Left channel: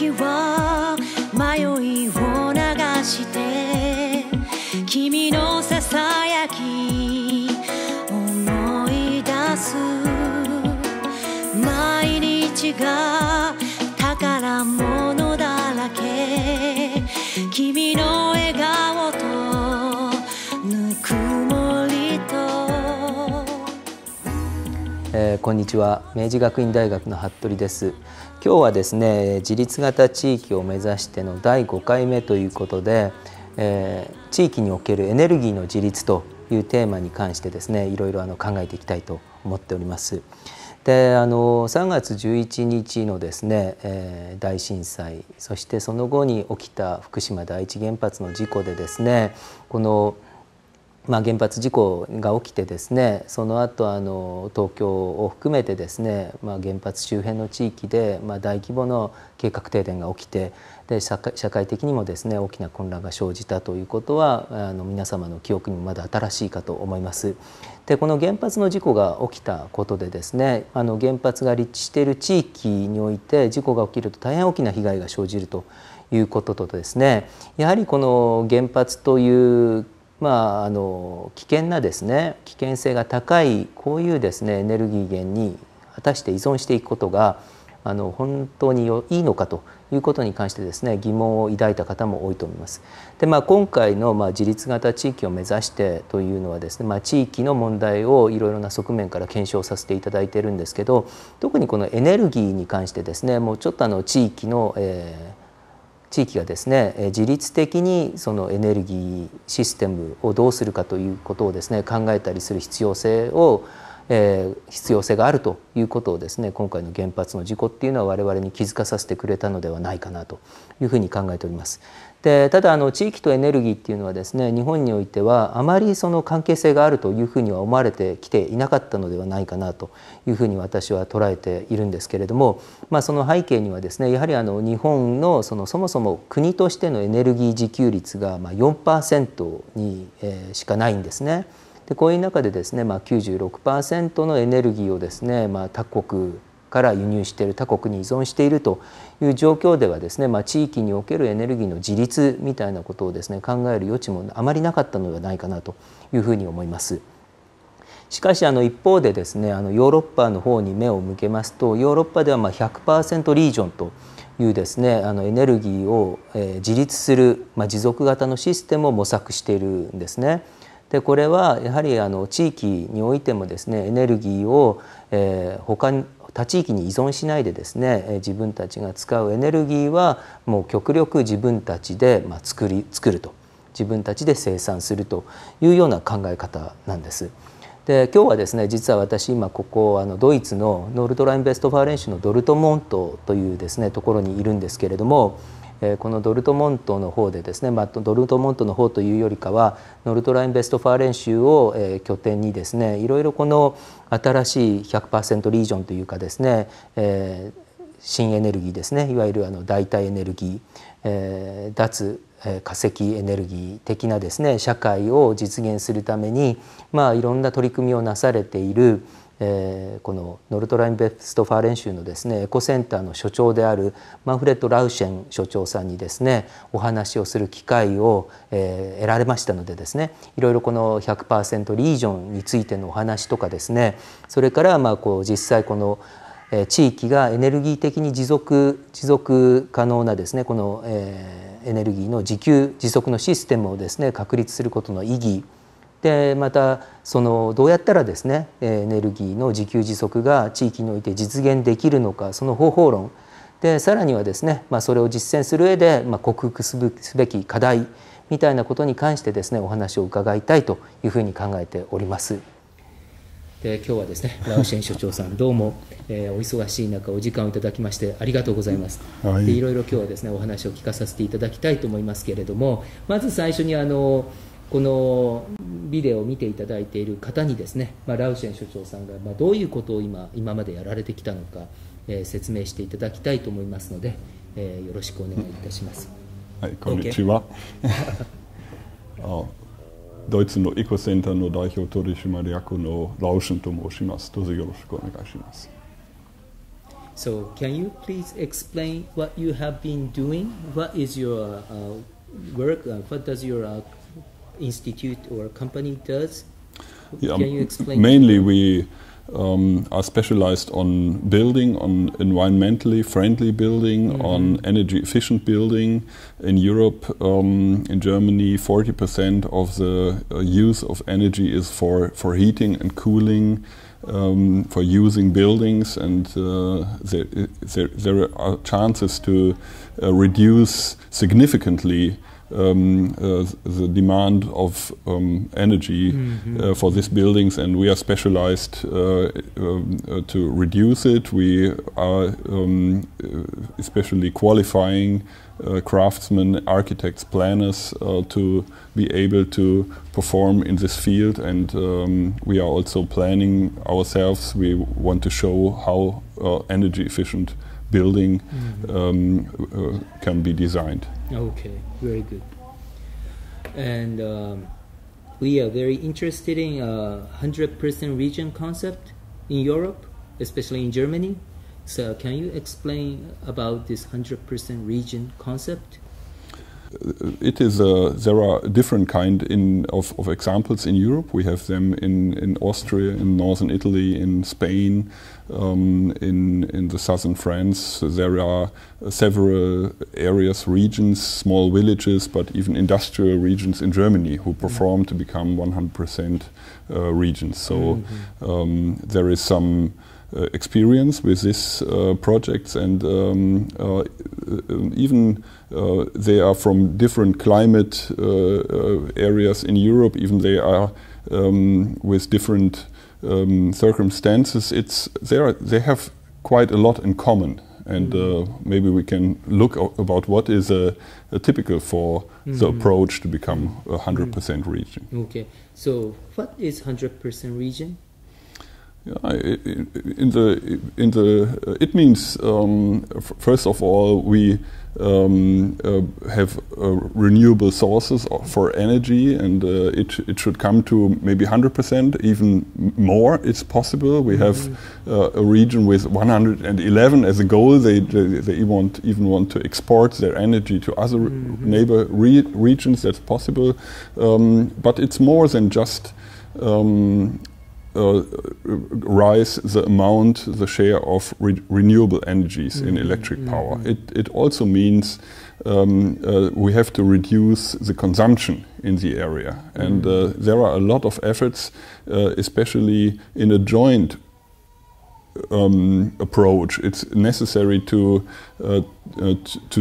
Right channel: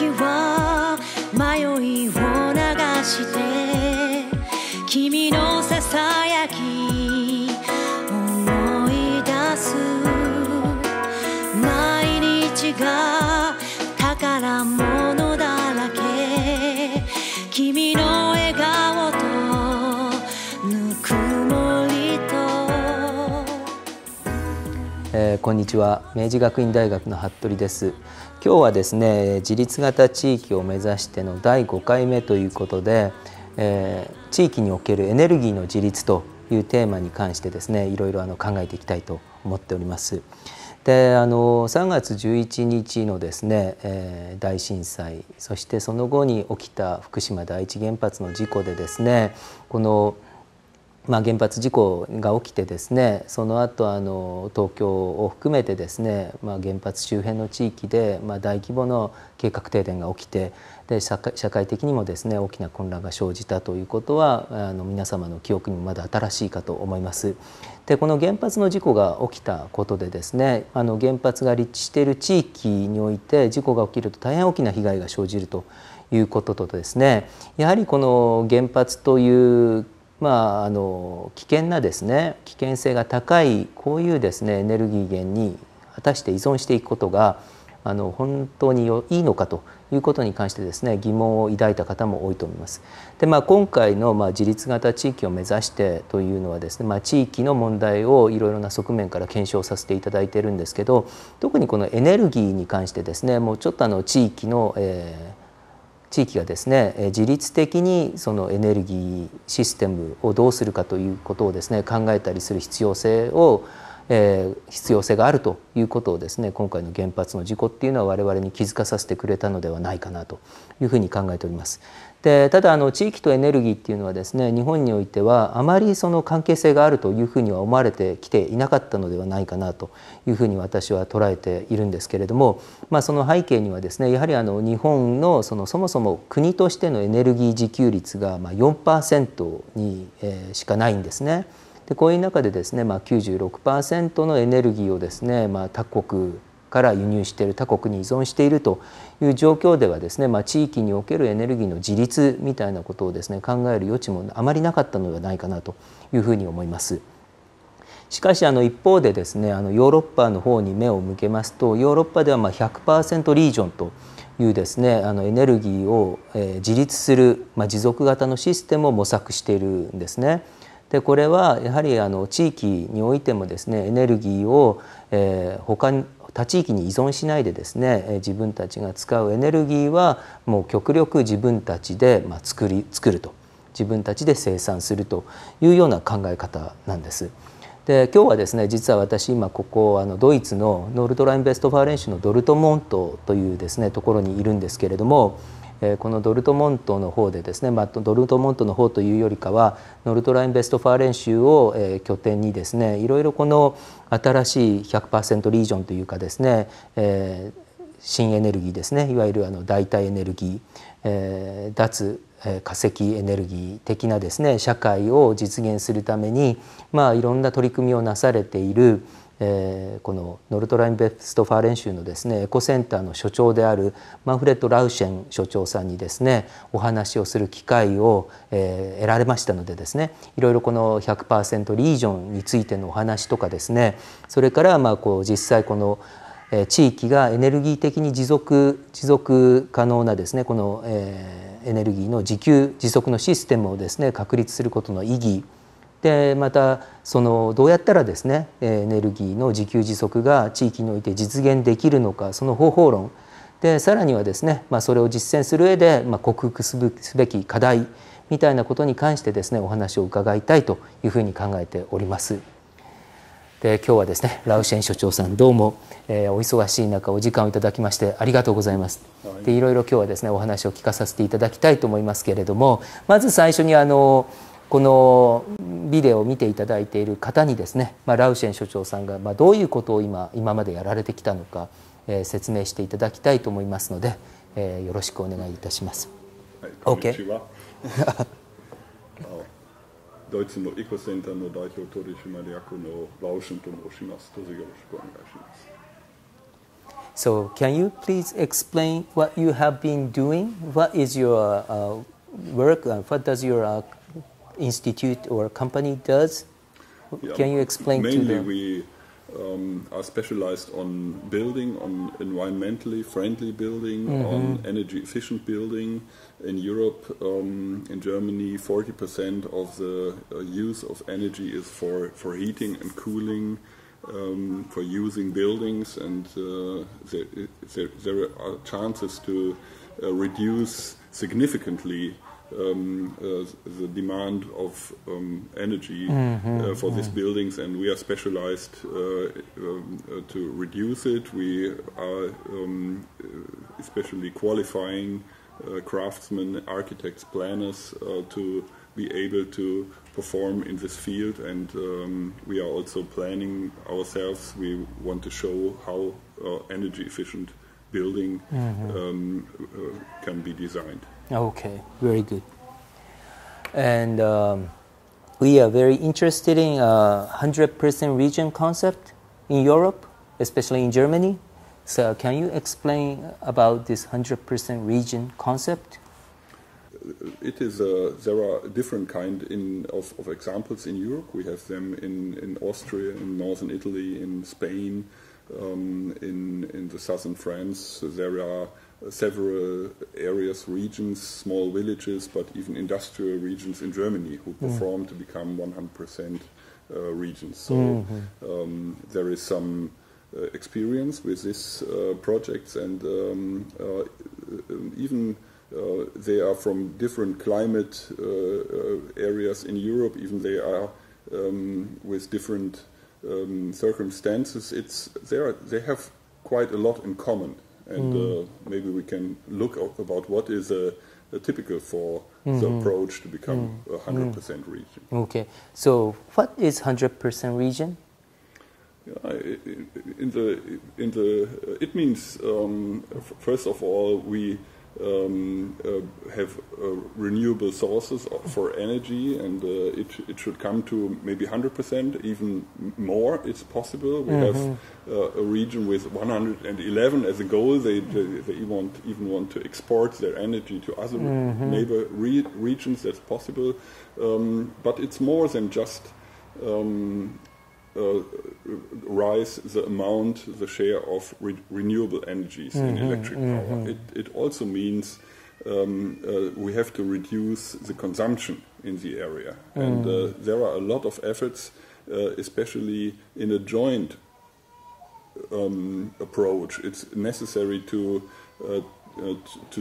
時は迷いを流して君のささやき思い出す毎日が宝物だらけ君の笑顔とぬくもりと、こんにちは。明治学院大学の服部です。今日はですね、自立型地域を目指しての第5回目ということで、地域におけるエネルギーの自立というテーマに関してですね、いろいろ考えていきたいと思っております。で、3月11日のですね、大震災、そしてその後に起きた福島第一原発の事故でですね、この原発事故が起きてですね、その後東京を含めてですね、原発周辺の地域で大規模な計画停電が起きて、で社会的にもですね大きな混乱が生じたということは皆様の記憶にもまだ新しいかと思います。でこの原発の事故が起きたことでですね、原発が立地している地域において事故が起きると大変大きな被害が生じるということとですね、やはりこの原発という危険なですね、危険性が高いこういうですねエネルギー源に果たして依存していくことが本当にいいのかということに関してですね疑問を抱いた方も多いと思います。で、今回の自立型地域を目指してというのはですね、地域の問題をいろいろな側面から検証させていただいているんですけど、特にこのエネルギーに関してですね、もうちょっと地域がですね自律的にそのエネルギーシステムをどうするかということをですね考えたりする必要性があるということをですね、今回の原発の事故っていうのは我々に気づかさせてくれたのではないかなというふうに考えております。でただ地域とエネルギーっていうのはですね、日本においてはあまりその関係性があるというふうには思われてきていなかったのではないかなというふうに私は捉えているんですけれども、その背景にはですね、やはり日本のそもそも国としてのエネルギー自給率が4% にしかないんですね。でこういう中でですね、96% のエネルギーをですね、他国から輸入している、他国に依存しているという状況ではですね、地域におけるエネルギーの自立みたいなことをですね考える余地もあまりなかったのではないかなというふうに思います。しかし一方でですね、ヨーロッパの方に目を向けますと、ヨーロッパでは100% リージョンというですねエネルギーを自立する持続型のシステムを模索しているんですね。でこれはやはり地域においてもですねエネルギーを他地域に依存しないでですね自分たちが使うエネルギーはもう極力自分たちで作ると、自分たちで生産するというような考え方なんです。で今日はですね、実は私今ここドイツのノルドライン・ベストファーレン州のドルトモントというですねところにいるんですけれども、このドルトモントの方でですね、ドルトモントの方というよりかはノルトライン・ベストファーレン州を拠点にですね、いろいろこの新しい 100% リージョンというかですね、新エネルギーですね、いわゆる代替エネルギー、脱化石エネルギー的なですね社会を実現するためにいろんな取り組みをなされているこのノルトライン・ベストファーレン州のですねエコセンターの所長であるマンフレッド・ラウシェン所長さんにですねお話をする機会を得られましたのでですね、いろいろこの 100% リージョンについてのお話とかですね、それから実際この地域がエネルギー的に持続可能なですねこのエネルギーの自給自足のシステムをですね確立することの意義で、またどうやったらですねエネルギーの自給自足が地域において実現できるのか、その方法論で、さらにはですねそれを実践する上で克服すべき課題みたいなことに関してですねお話を伺いたいというふうに考えております。で今日はですねラウシェン所長さんどうも、お忙しい中お時間をいただきましてありがとうございます。でいろいろ今日はですねお話を聞かさせていただきたいと思いますけれども、まず最初にこのビデオを見ていただいている方にですね、ラウシェン所長さんがどういうことを今までやられてきたのか、説明していただきたいと思いますので、よろしくお願いいたします。はい、こんにちは。ドイツのエコセンターの代表取締役のラウシェンと申します。どうぞよろしくお願いします。So can you please explain what you have been doing? What is your work? What does your institute or company does? Yeah, can you explain? Mainly we are specialized on building, on environmentally friendly building, on energy efficient building. In Europe, in Germany, 40% of the use of energy is for heating and cooling, for using buildings, and there are chances to reduce significantly the demand of energy for these buildings, and we are specialized to reduce it. We are especially qualifying craftsmen, architects, planners to be able to perform in this field, and we are also planning ourselves. We want to show how energy efficient building can be designed. Okay, very good. And we are very interested in 100% region concept in Europe, especially in Germany. So can you explain about this 100% region concept? It is there are different kind of examples in Europe. We have them in Austria, in northern Italy, in Spain, in the southern France. There are several areas, regions, small villages, but even industrial regions in Germany who perform to become 100% regions. So there is some experience with these projects, and even they are from different climate areas in Europe. Even they are with different circumstances. They have quite a lot in common, and maybe we can look about what is a typical for the approach to become a 100% region. Okay, so what is 100% region? Yeah, it means first of all we have renewable sources for energy, and it should come to maybe 100%, even more. It's possible. We have a region with 111 as a goal. They even want to export their energy to other neighbor regions. That's possible, but it's more than just rise the amount, the share of renewable energies in electric power. It also means we have to reduce the consumption in the area, and there are a lot of efforts, especially in a joint approach. It's necessary to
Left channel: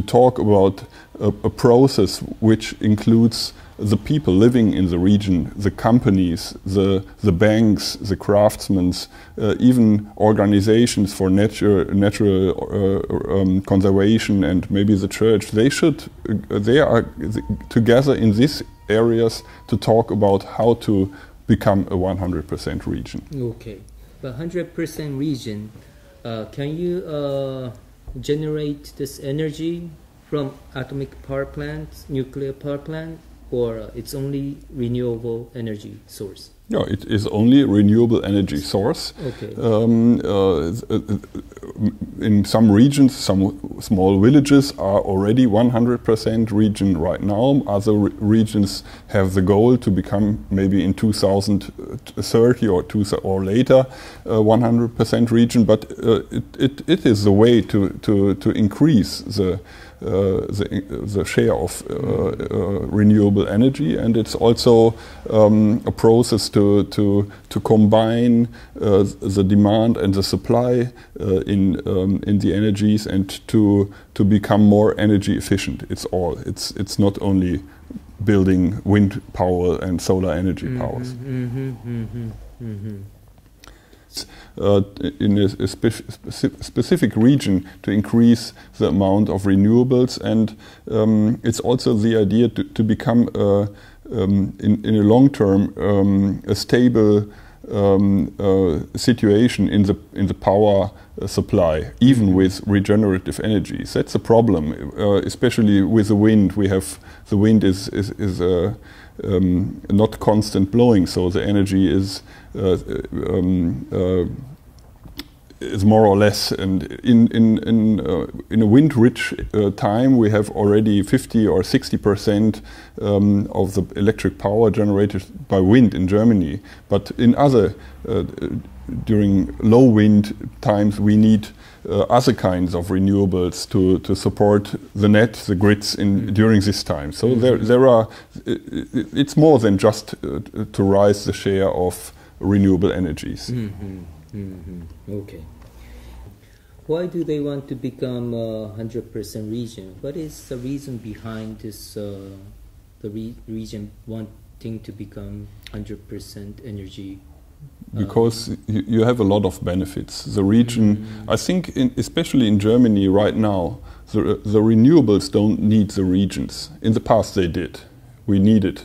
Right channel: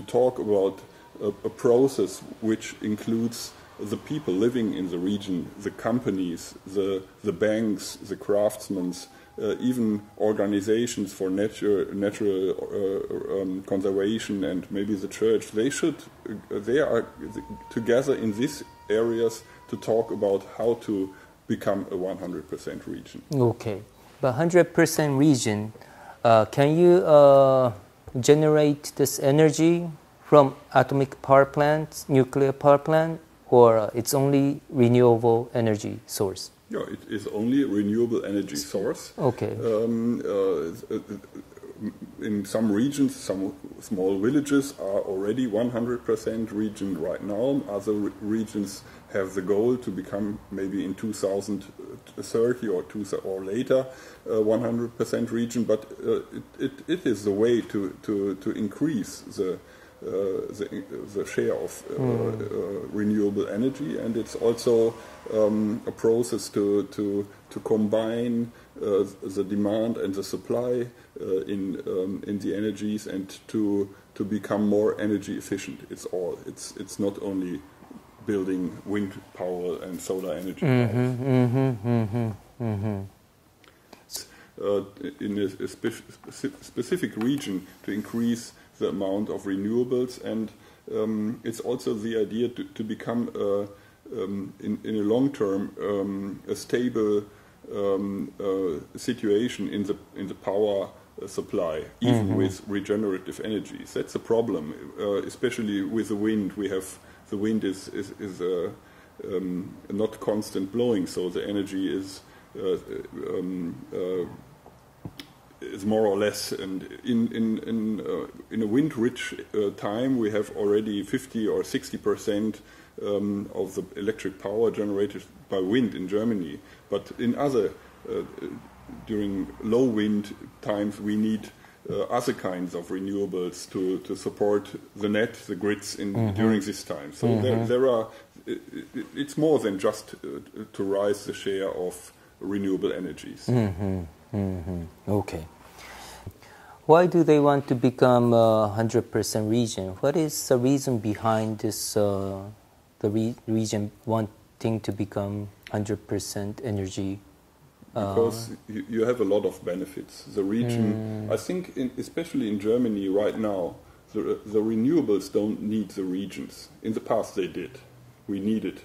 talk about a process which includes the people living in the region, the companies, the banks, the craftsmen, even organizations for natural conservation, and maybe the church. They are together in these areas to talk about how to become a 100% region. Okay, but 100% region, can you generate this energy from atomic power plants, nuclear power plant, or it's only renewable energy source? Yeah, it is only renewable energy source. Okay. In some regions, some small villages are already 100% region right now. Other regions have the goal to become maybe in 2030 or later 100% region. But it is the way to increase the share of renewable energy, and it's also a process to combine the demand and the supply in the energies, and to become more energy efficient. It's not only building wind power and solar energy powers. In a specific region to increase the amount of renewables, and it's also the idea to become in a long term a stable situation in the power supply, even with regenerative energies. That's a problem, especially with the wind. The wind is not constant blowing, so the energy is is more or less, and in a wind-rich time, we have already 50 or 60% of the electric power generated by wind in Germany. But in other, during low wind times, we need other kinds of renewables to support the net, the grids during this time. So there are. It's more than just to rise the share of renewable energies. Okay. Why do they want to become 100% region? What is the reason behind this? The region wanting to become 100% energy. Because you have a lot of benefits. The region, I think, especially in Germany right now, the renewables don't need the regions. In the past they did. We needed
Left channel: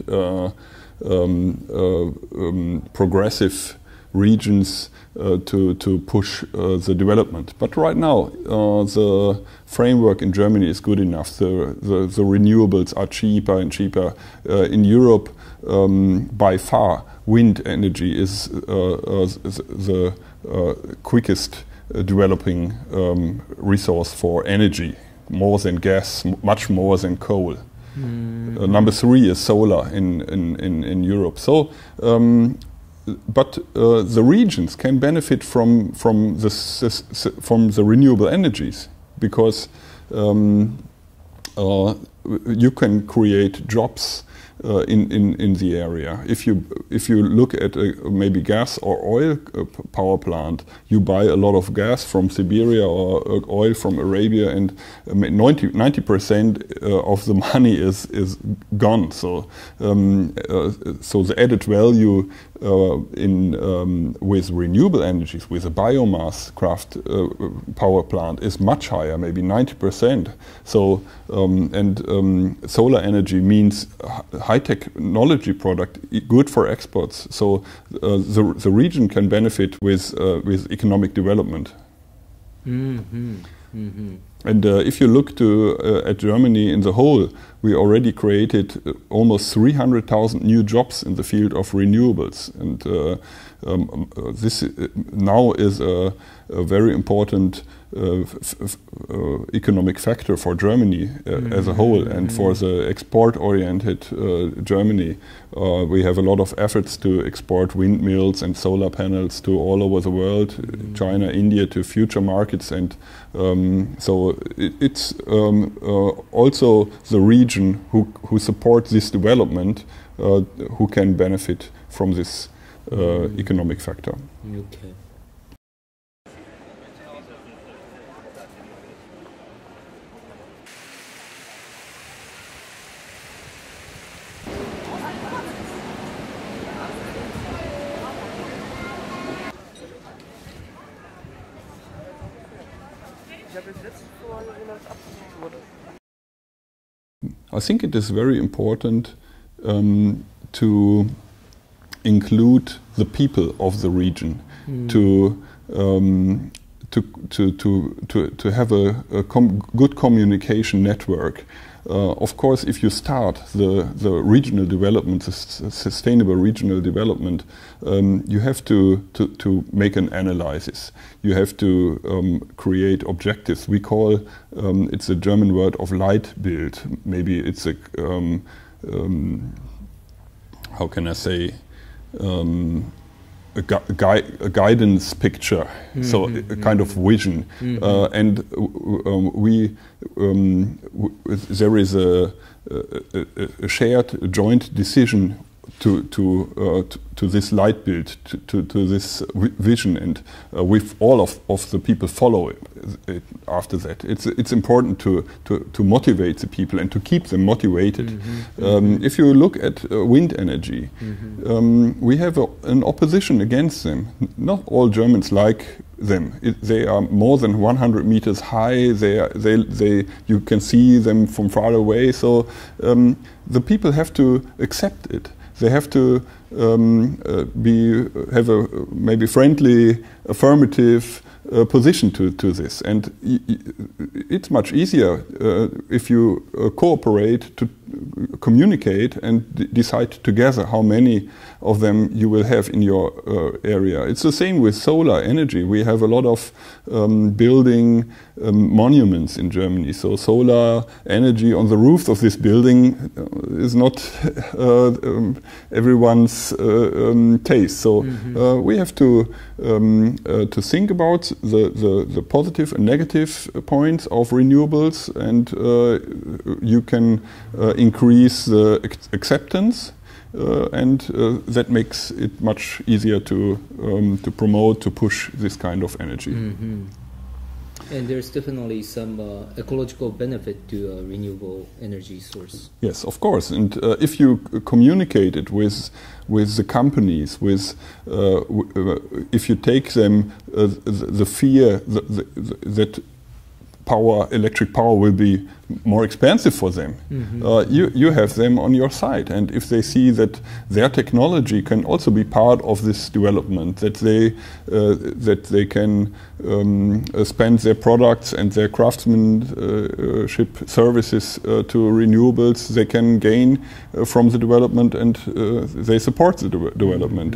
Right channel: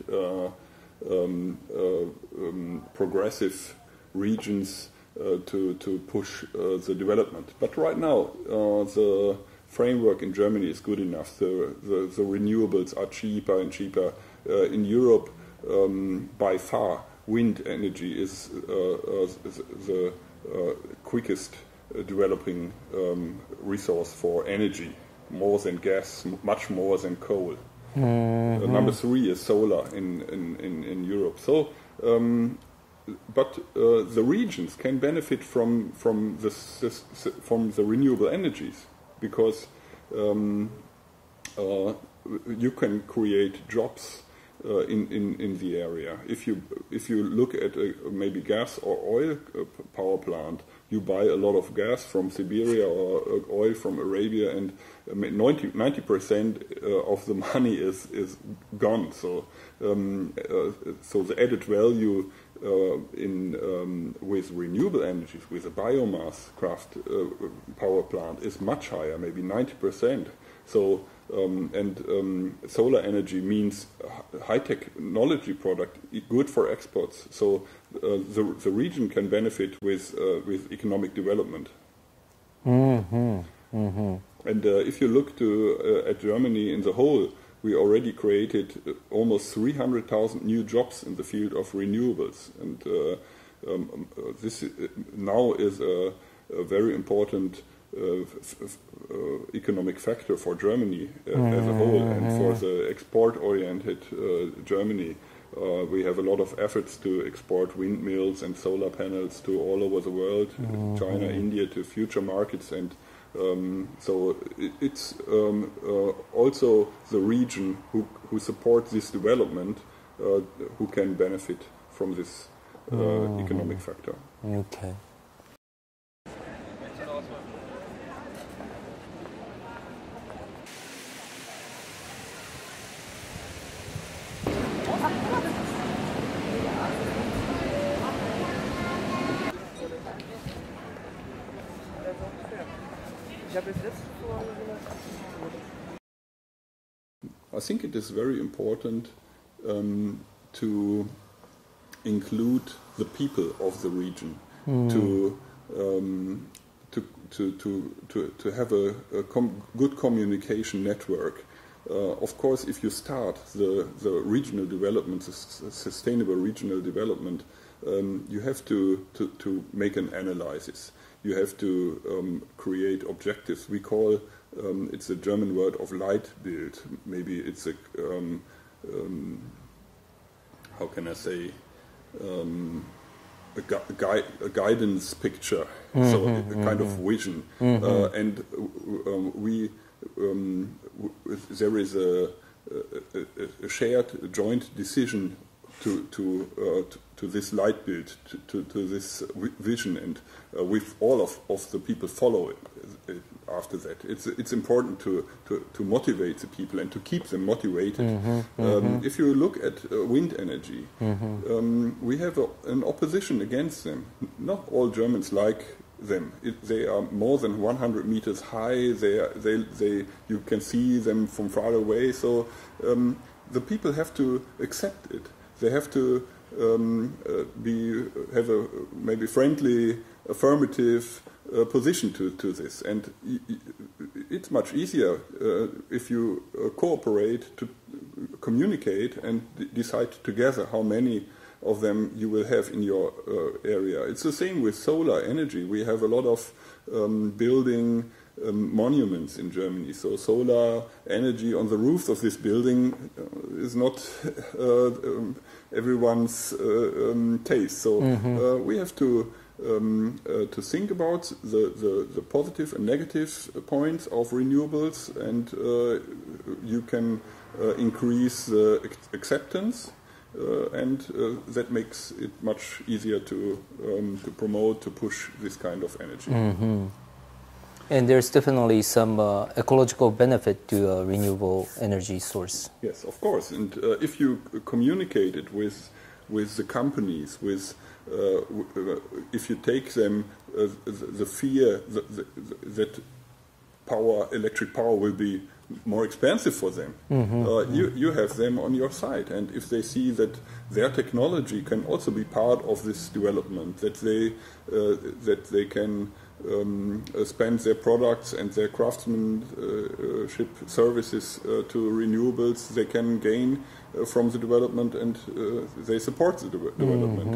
progressive regions to push the development. But right now the framework in Germany is good enough. The renewables are cheaper and cheaper. In Europe, by far, wind energy is the quickest developing resource for energy, more than gas, much more than coal. Number 3 is solar in Europe. So, but the regions can benefit from the renewable energies, because you can create jobs in the area. If you look at maybe gas or oil power plant, you buy a lot of gas from Siberia or oil from Arabia, and 90% of the money is gone. So so the added value with renewable energies, with a biomass craft power plant, is much higher, maybe 90%. So solar energy means high technology product, good for exports. So the region can benefit with economic development. And if you look at Germany in the whole, we already created almost 300,000 new jobs in the field of renewables, and this now is a very important economic factor for Germany as a whole, and for the export-oriented Germany. We have a lot of efforts to export windmills and solar panels to all over the world, China, India, to future markets, and so it's also the region who supports this development who can benefit from this economic factor. Okay. I think it is very important to include the people of the region, to have a good communication network. Of course, if you start the regional development, the sustainable regional development, you have to make an analysis. You have to create objectives. We call it's a German word of Leitbild. Maybe it's a how can I say, a guidance picture, so a kind of vision, and there is a shared joint decision to this Leitbild, to this vision, and with all of the people follow it after that. It's important to motivate the people and to keep them motivated. If you look at wind energy, we have an opposition against them. Not all Germans like them. They are more than 100 meters high. You can see them from far away. So the people have to accept it. They have to have a maybe friendly, affirmative position to this, and it's much easier if you cooperate to communicate and decide together how many of them you will have in your area. It's the same with solar energy. We have a lot of building monuments in Germany. So solar energy on the roof of this building is not everyone's taste. So we have to think about the positive and negative points of renewables, and you can increase the acceptance. And that makes it much easier to promote, to push this kind of energy. And there's definitely some ecological benefit to a renewable energy source. Yes, of course. And if you communicate it with the companies, if you take them the fear that electric power will be more expensive for them, you have them on your side. And if they see that their technology can also be part of this development, that they can spend their products and their craftsmanship services to renewables, they can gain from the development, and they support the development.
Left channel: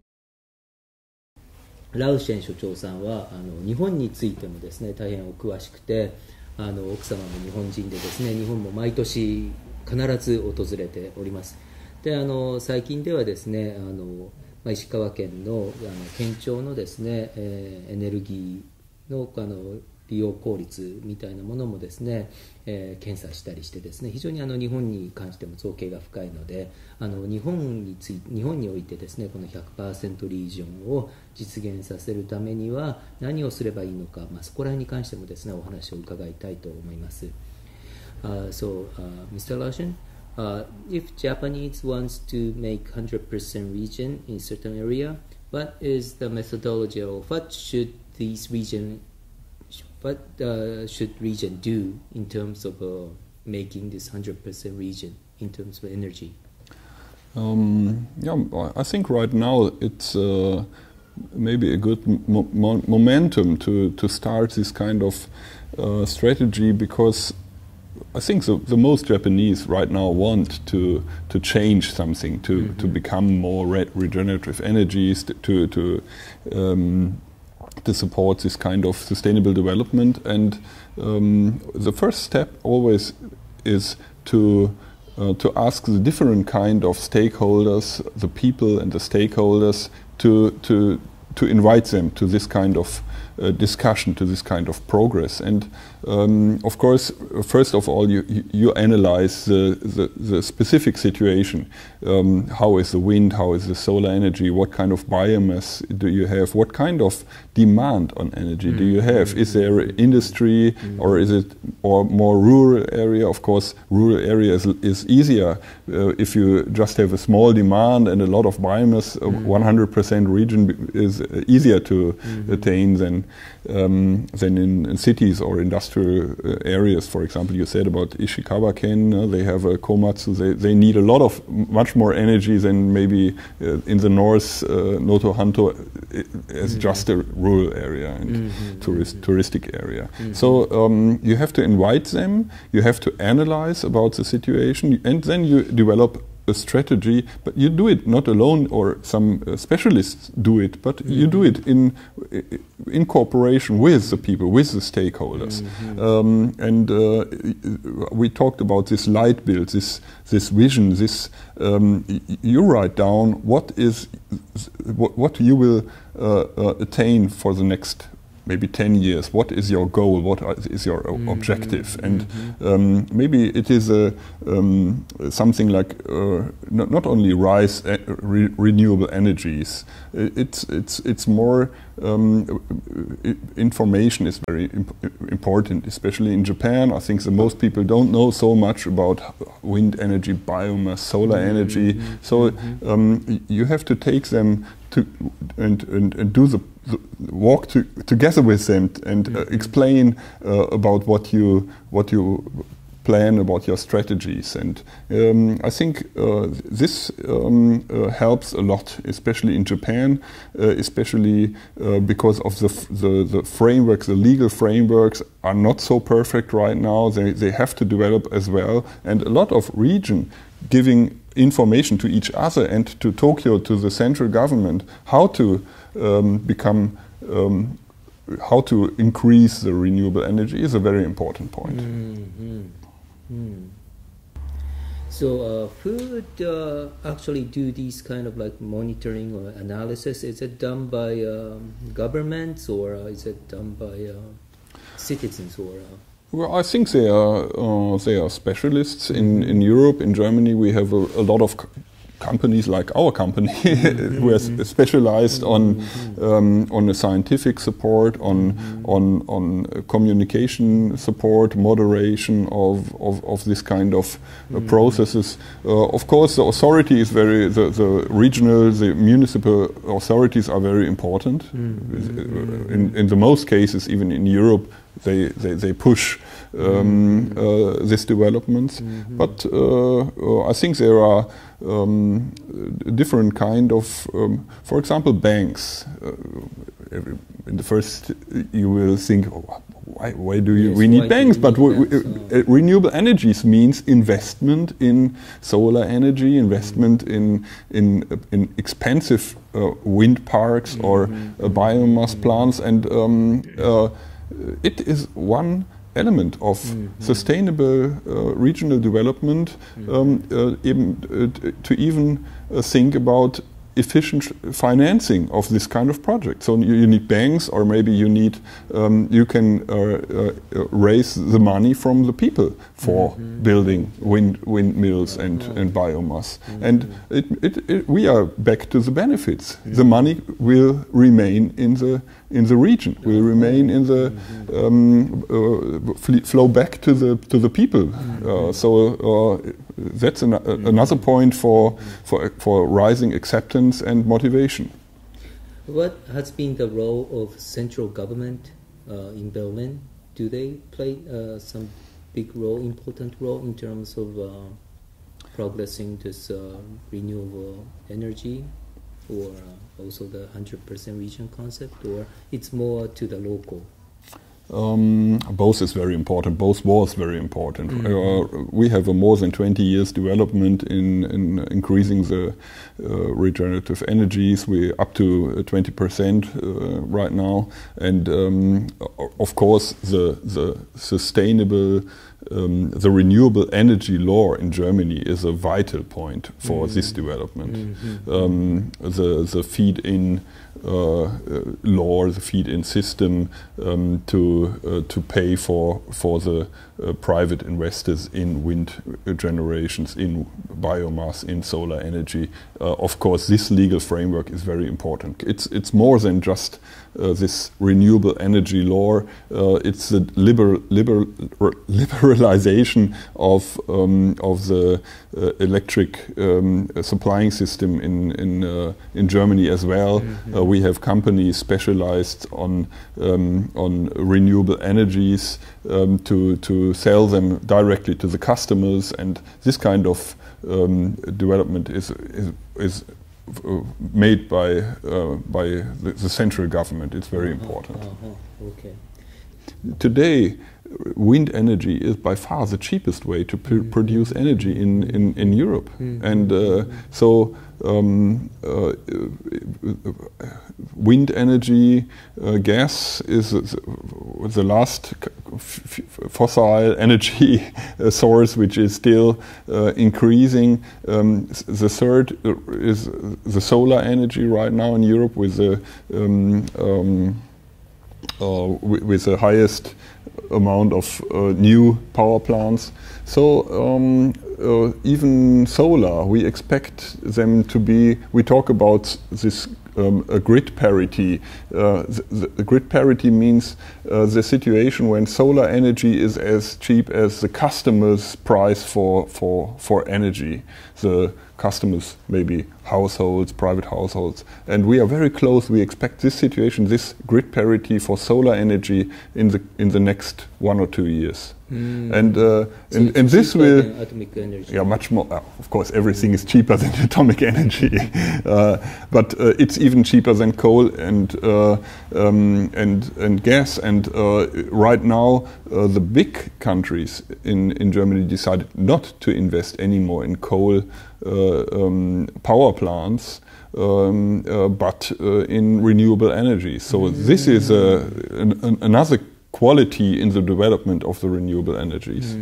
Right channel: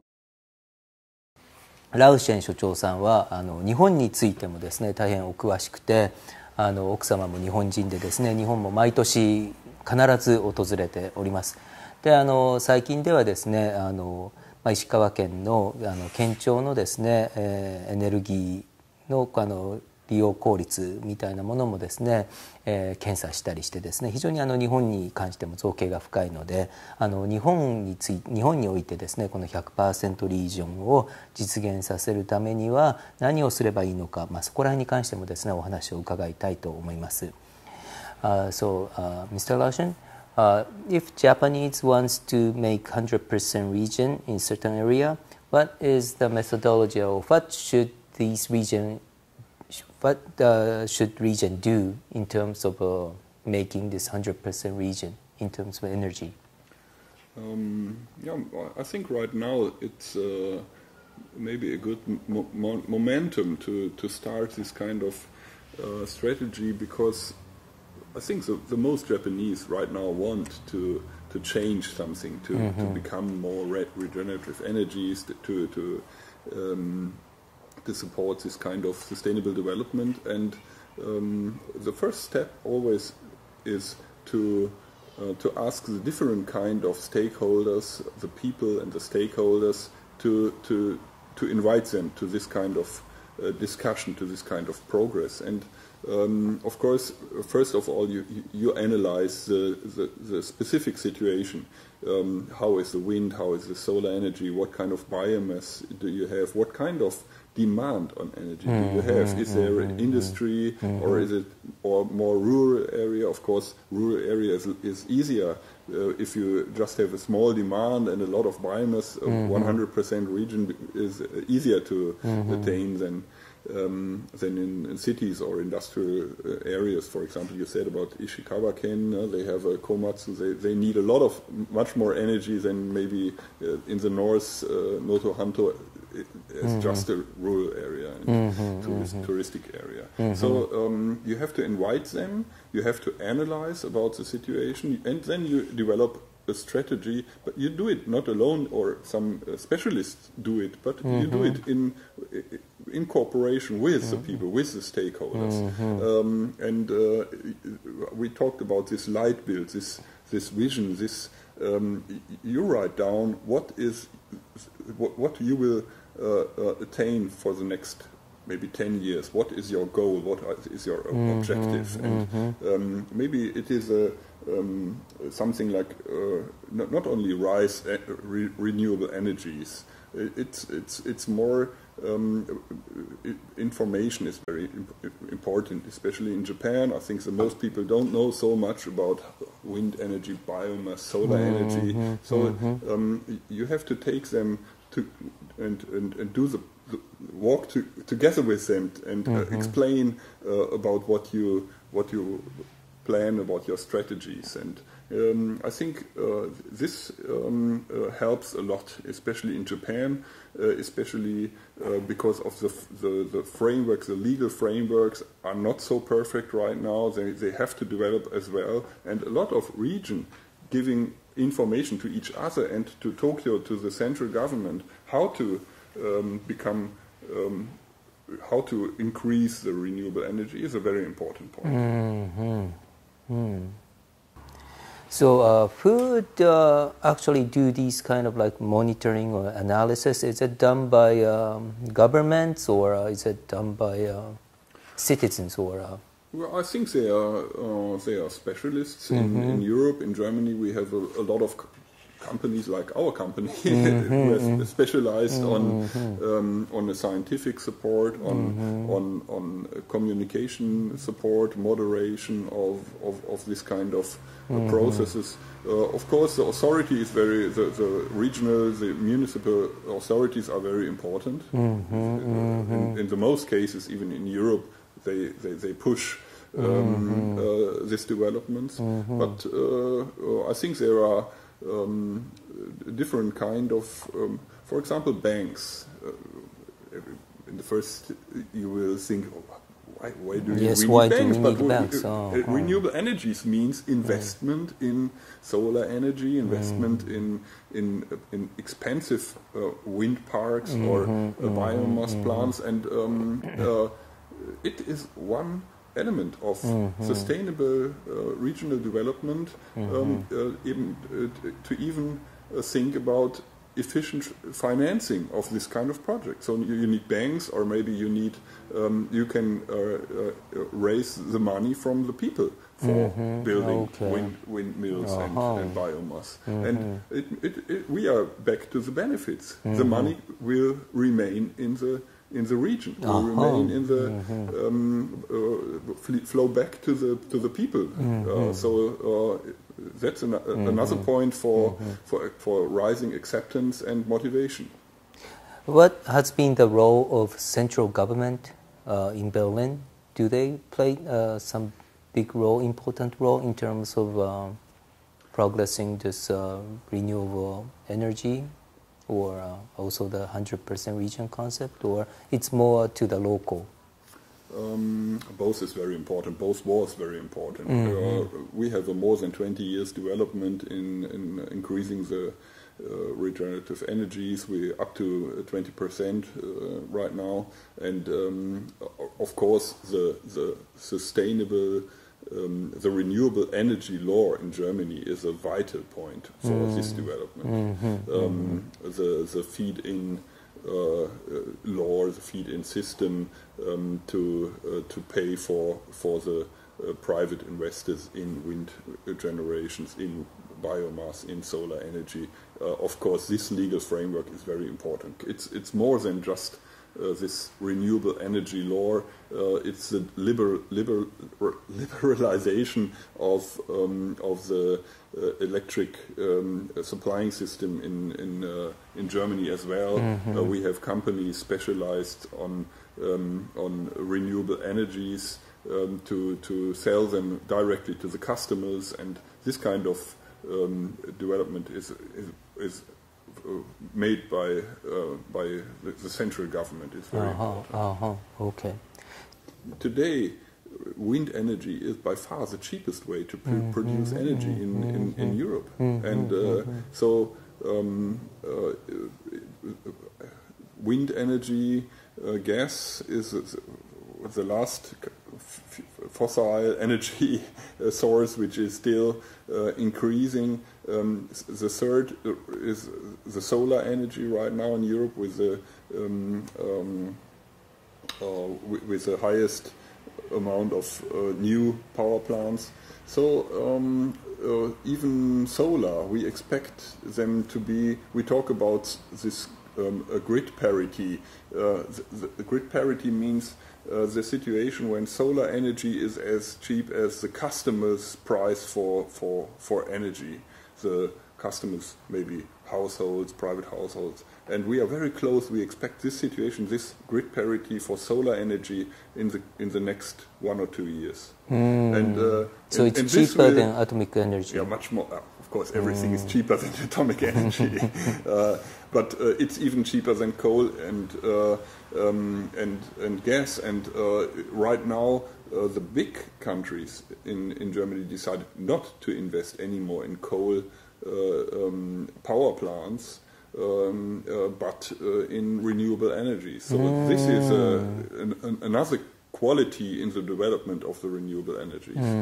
ラウシェン所長さんは日本についてもですね大変お詳しくて、奥様も日本人でですね日本も毎年必ず訪れております。で最近ではですね石川県の県庁のですね、エネルギーの利用効率みたいなものもですね、検査したりしてですね非常に日本に関しても造詣が深いので日本においてですねこの 100% リージョンを実現させるためには何をすればいいのか、そこら辺に関してもですねお話を伺いたいと思います。So, Mr. Larshan, if Japanese wants to make 100% region in certain area, what is the methodology of what should region do in terms of making this 100% region in terms of energy? I think right now it's maybe a good momentum to start this kind of strategy, because I think the most Japanese right now want to change something, to become more regenerative energies, to support this kind of sustainable development. And the first step always is to ask the different kind of stakeholders, the people and the stakeholders, to invite them to this kind of discussion, to this kind of progress. And of course, first of all, you analyze the specific situation. How is the wind? How is the solar energy? What kind of biomass do you have? What kind of demand on energy do you have? Is there industry, or is it more rural area? Of course, rural area is easier if you just have a small demand and a lot of biomass. 100% region is easier to attain than in cities or industrial areas. For example, you said about Ishikawa-ken, they have a komatsu, they need a lot of much more energy than maybe in the north, Noto Hanto is just a rural area and touristic area. So you have to invite them, you have to analyze about the situation, and then you develop a strategy, but you do it not alone, or some specialists do it, but you do it in cooperation with the people, with the stakeholders. And we talked about this light build, this vision, this you write down what you will attain for the next maybe 10 years. What is your goal? What is your objective? And maybe it is something like not only renewable energies. It's more information is very important, especially in Japan. I think most people don't know so much about wind energy, biomass, solar energy. So you have to take them to and do the walk together with them and explain about what you plan about your strategies. And I think this helps a lot, especially in Japan, especially because of the frameworks, the legal frameworks are not so perfect right now. They have to develop as well. And a lot of region giving information to each other and to Tokyo, to the central government, how to how to increase the renewable energy is a very important point. So who would actually do these kind of like monitoring or analysis? Is it done by governments, or is it done by citizens, or? Well, I think they are specialists. In Europe, in Germany, we have a lot of companies like our company who are specialized on the scientific support, on communication support, moderation of this kind of processes. Of course, the authority is the regional, the municipal authorities are very important. In the most cases, even in Europe, they push these developments. But I think there are different kind of, for example, banks. In the first, you will think, why do we need banks? But renewable energies means investment in solar energy, investment in expensive wind parks or biomass plants, and it is one element of sustainable regional development, to even think about efficient financing of this kind of project. So you need banks, or maybe you need you can raise the money from the people for building windmills and biomass. And we are back to the benefits. The money will remain in the region, will remain in the flow back to the people. So that's another point for rising acceptance and motivation. What has been the role of central government in Berlin? Do they play some big role, important role in terms of progressing this renewable energy, or also the 100% region concept, or it's more to the local? Both is very important. Both was very important. We have a more than 20 years development in increasing the regenerative energies. We're up to 20% right now, and of course the sustainable, the renewable energy law in Germany is a vital point for this development. The feed-in law, the feed-in system to pay for the private investors in wind generations, in biomass, in solar energy. Of course, this legal framework is very important. It's more than just this renewable energy law. It's the liberalization of the electric supplying system in Germany as well. We have companies specialized on renewable energies to sell them directly to the customers, and this kind of development is made by the central government. It's very important. Okay. Today, wind energy is by far the cheapest way to produce energy in Europe, and so wind energy, gas is the last fossil energy source which is still increasing. The third is the solar energy right now in Europe with the highest amount of new power plants. So even solar, we expect them to be, we talk about this a grid parity. The grid parity means the situation when solar energy is as cheap as the customer's price for energy. The customers, maybe households, private households. And we are very close. We expect this situation, this grid parity for solar energy in the next 1 or 2 years. And so it's and this cheaper will, than atomic energy. yeah, much more. Of course, everything is cheaper than atomic energy, but it's even cheaper than coal and gas. And right now, the big countries in Germany decided not to invest anymore in coal power plants, but in renewable energy. So this is another quality in the development of the renewable energies.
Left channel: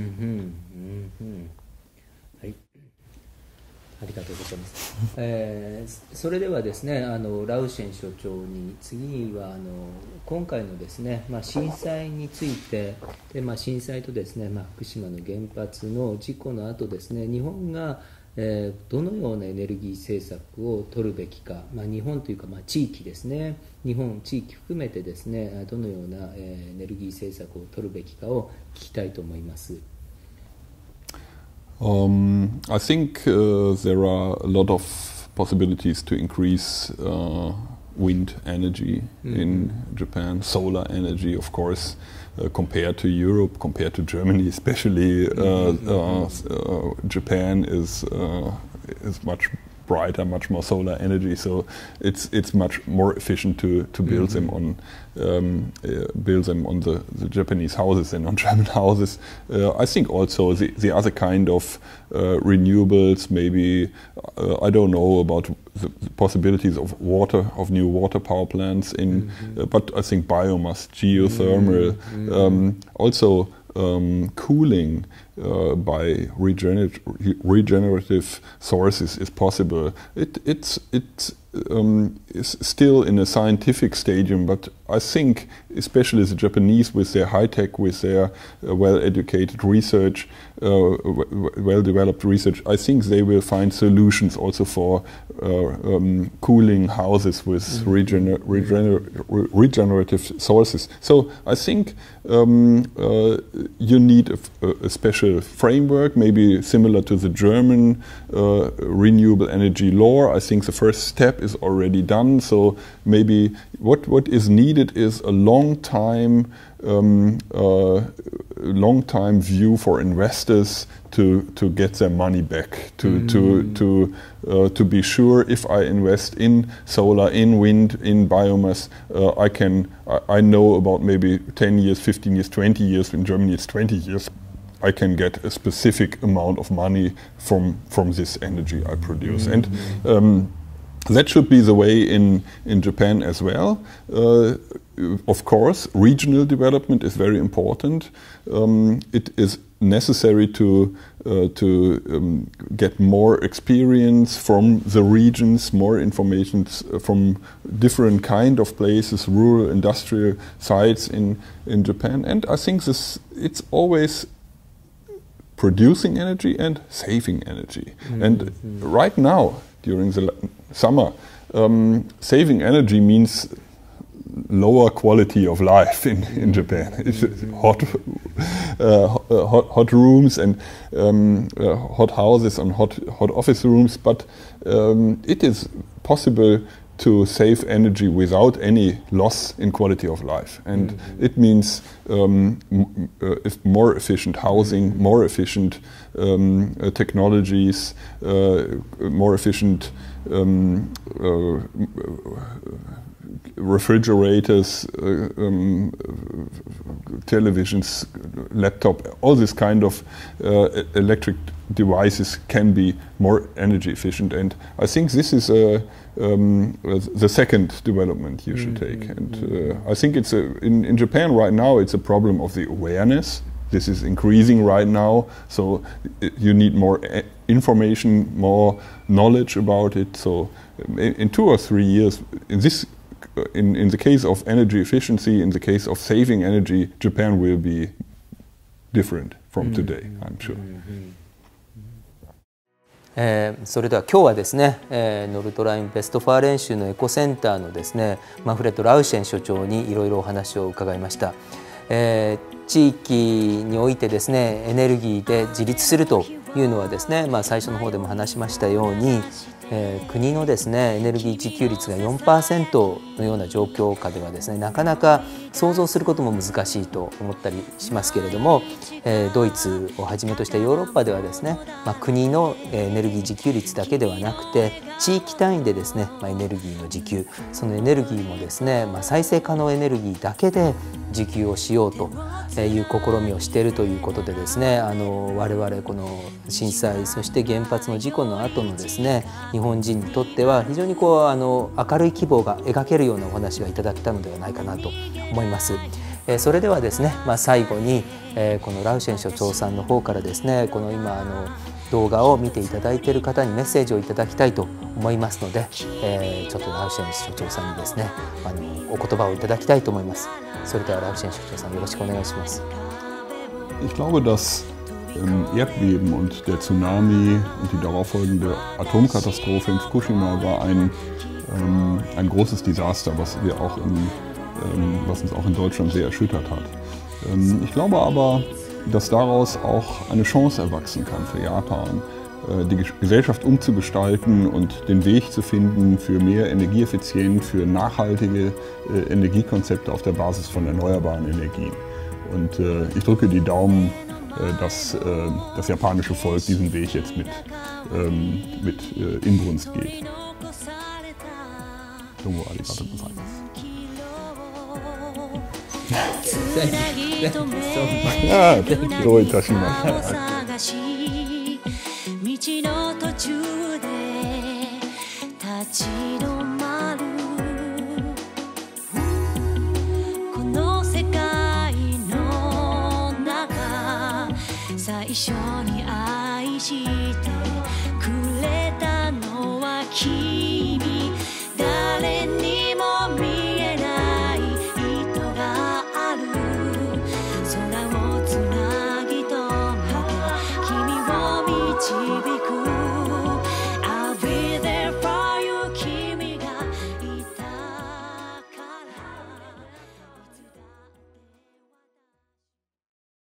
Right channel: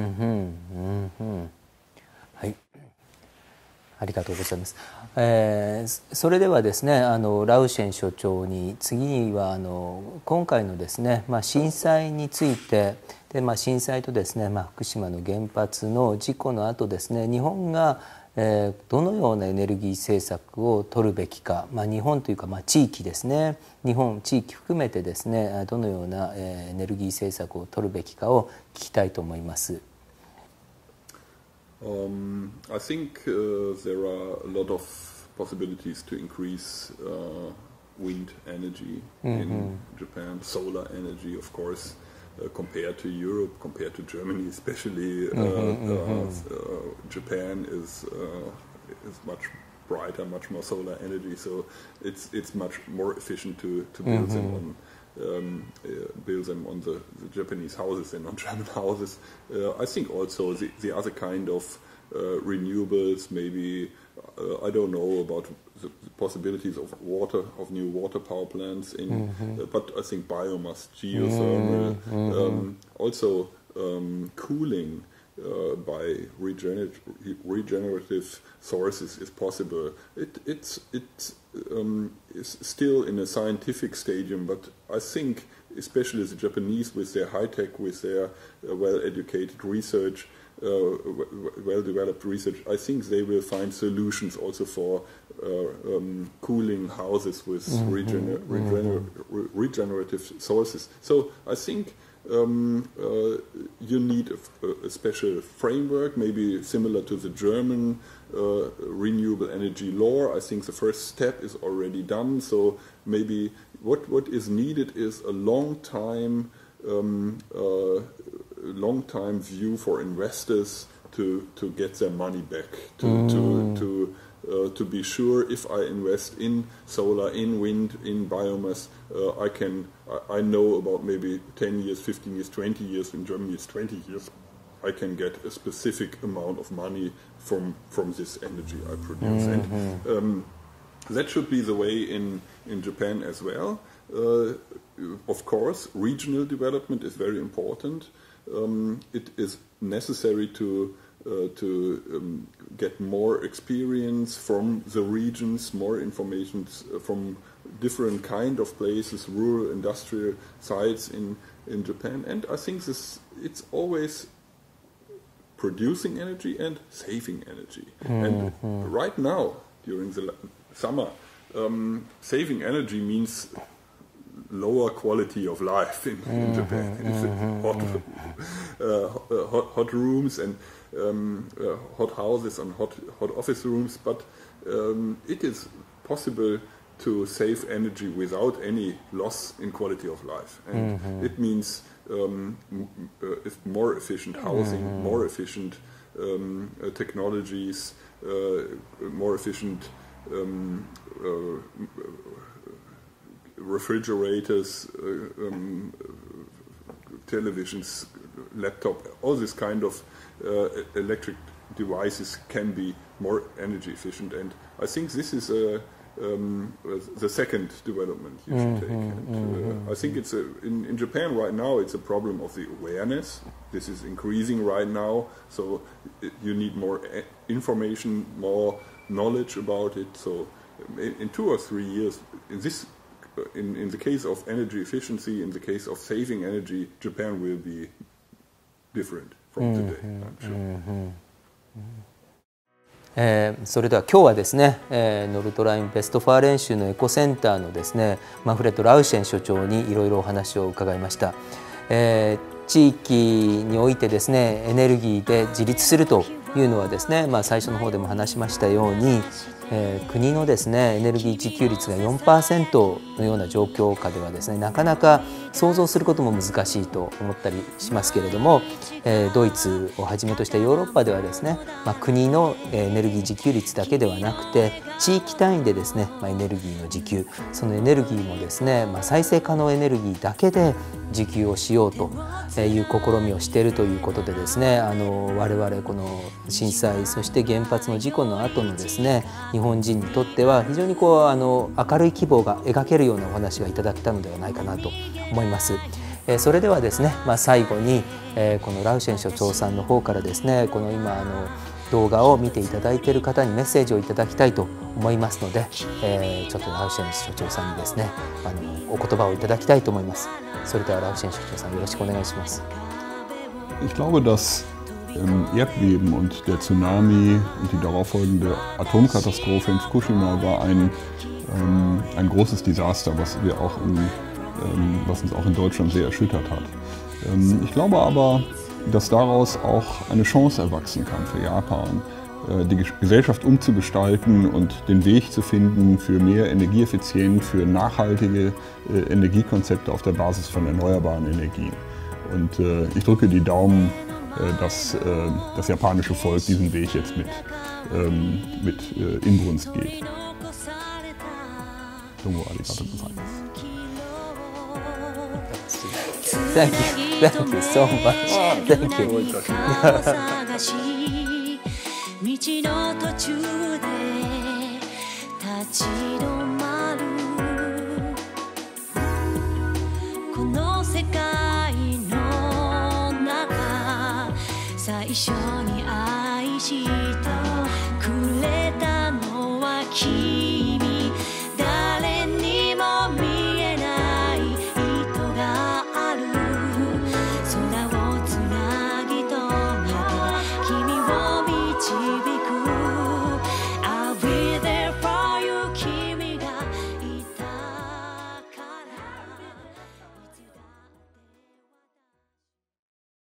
はい、ありがとうございます。それではですね、ラウシェン所長に次は今回のですね、震災についてで、震災とですね、福島の原発の事故の後ですね、日本がどのようなエネルギー政策を取るべきか、日本というか地域ですね、日本地域含めてですね、どのようなエネルギー政策を取るべきかを聞きたいと思います。I think there are a lot of possibilities to increase wind energy in Japan, solar energy, of course. Compared to Europe, compared to Germany, especially, Japan is much brighter, much more solar energy. So it's much more efficient to build them on the Japanese houses than on German houses. I think also the other kind of renewables, maybe I don't know about the possibilities of new water power plants but I think biomass, geothermal, also cooling by regenerative sources is possible. It's still in a scientific stadium, but I think especially the Japanese with their high tech, with their well-educated research, well-developed research, I think they will find solutions also for cooling houses with regenerative sources. So I think you need a special framework, maybe similar to the German renewable energy law. I think the first step is already done. So maybe what is needed is a long time view for investors to get their money back, to be sure if I invest in solar, in wind, in biomass, I know about maybe 10 years, 15 years, 20 years. In Germany it's 20 years. I can get a specific amount of money from this energy I produce. And that should be the way in Japan as well. Of course, regional development is very important. It is necessary to get more experience from the regions, more information from different kind of places, rural, industrial sites in Japan. And I think it's always producing energy and saving energy. And right now, during the summer, saving energy means lower quality of life in Japan. It's hot rooms and hot houses and hot office rooms, but it is possible to save energy without any loss in quality of life. And it means more efficient housing, more efficient technologies, more efficient refrigerators, televisions, laptop, all this kind of electric devices can be more energy efficient. And I think this is the second development you should take. And I think it's in Japan right now it's a problem of the awareness. This is increasing right now, so you need more information, more knowledge about it. So in 2 or 3 years, in the case of energy efficiency, in the case of saving energy, Japan will be different from today, I'm sure. それでは今日はですね、ノルトラインベストファー練習のエコセンターのですね、マンフレッド・ラウシェン所長にいろいろお話を伺いました。地域においてですね、エネルギーで自立するというのはですね、最初の方でも話しましたように、国のですねエネルギー自給率が 4% のような状況下ではですね、なかなか想像することも難しいと思ったりしますけれども、ドイツをはじめとしたヨーロッパではですね、国のエネルギー自給率だけではなくて地域単位でですね、エネルギーの自給、そのエネルギーもですね、再生可能エネルギーだけで自給をしようという試みをしているということでですね、我々この震災そして原発の事故の後のですね、日本人にとっては非常に明るい希望が描けるようなお話がいただけたのではないかなと思います。それではですね、最後にこのラウシェン所長さんの方からですね、この今動画を見ていただいている方にメッセージをいただきたいと思いますので、ちょっとラウシェン所長さんにですねお言葉をいただきたいと思います。それではラウシェン所長さん、よろしくお願いします。Ich glaube, das Erdbeben und der Tsunami und die darauffolgende Atomkatastrophe in Fukushima war ein großes Desaster, was uns auch in Deutschland sehr erschüttert hat. Ich glaube aber, dass daraus auch eine Chance erwachsen kann für Japan, die Gesellschaft umzugestalten und den Weg zu finden für mehr Energieeffizienz, für nachhaltige Energiekonzepte auf der Basis von erneuerbaren Energien. Und ich drücke die Daumen, dass das japanische Volk diesen Weg jetzt mit Inbrunst geht. どうもありがとうございます。どういたしまして。道の途中で立ち止まる、この世界の中最初に愛してくれたのは君